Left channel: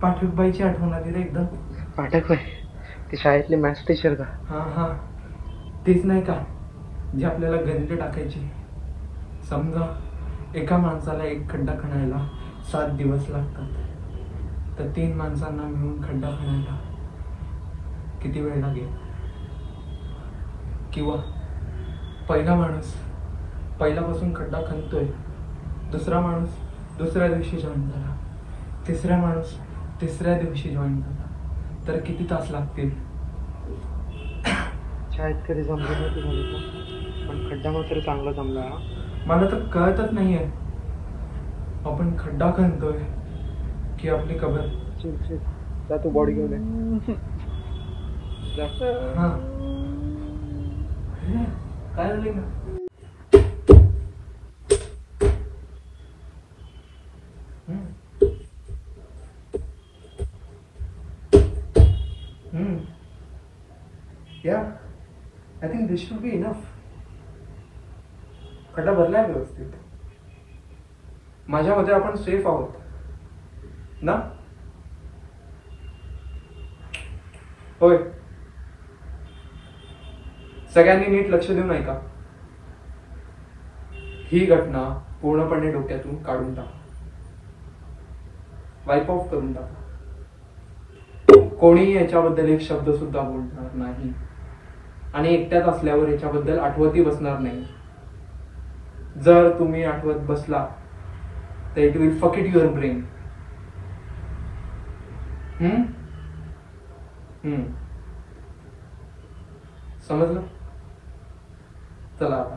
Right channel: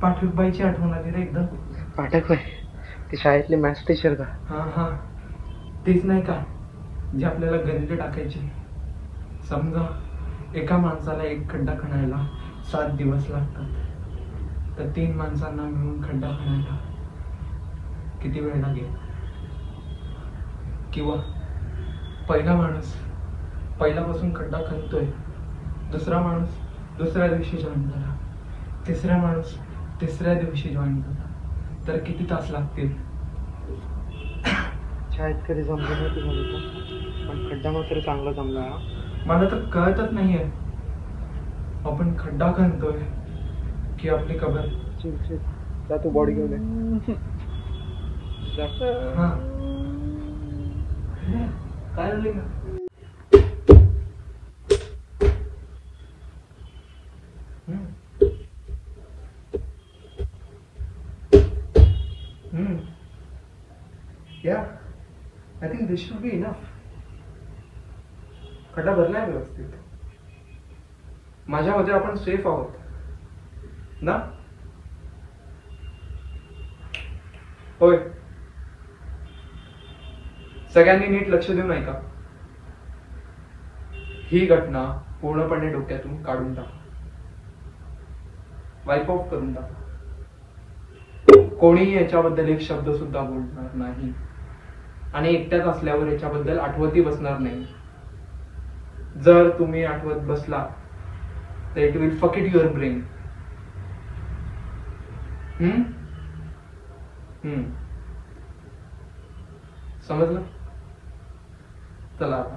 पाठकबाईची आठवण आली रे एकदम. पाठकबाई ती शाळेतली मॅथ्स टीचर का? हा हा, तीच नाही का जी आपल्याला गणित टाकायची. समजा एका माणसाला एक खड्डा खणायला 7 दिवस लागतात, तर 3 माणसांना मिळून खड्डा खणायला किती वेळ लागेल? किंवा पहिला माणूस पहिल्यापासून खड्डा खणतोय, दुसरा माणूस दुसऱ्या दिवशी जॉईन झाला, तिसरा माणूस तिसऱ्या दिवशी जॉईन झाला, तर किती तास लागतील? शाळेत कधी जमलं नव्हती झालं का, पण खड्डा मात्र चांगला जमला. मला तर कळतच नाहीये, आपण खड्डा खणतोय की आपली कबर? चिल चिल, जा तू बॉडी घेऊन ये. जा. हा, काय झाले? Yeah, I think this should be enough. खड्डा भरलाय व्यवस्थित. माझ्या मते आपण सेफ आहोत ना? होय. सगळ्यांनी नीट लक्ष देऊन ऐका. ही घटना पूर्णपणे डोक्यातून काढून टाका, वाईप ऑफ करून टाका. कोणीही याच्याबद्दल एक शब्द सुद्धा बोलणार नाही, आणि एकट्यात असल्यावर याच्याबद्दल आठवतही बसणार नाही. जर तुम्ही आठवत बसला तर इट विल फक इट युअर ब्रेन. समजलं? चला आता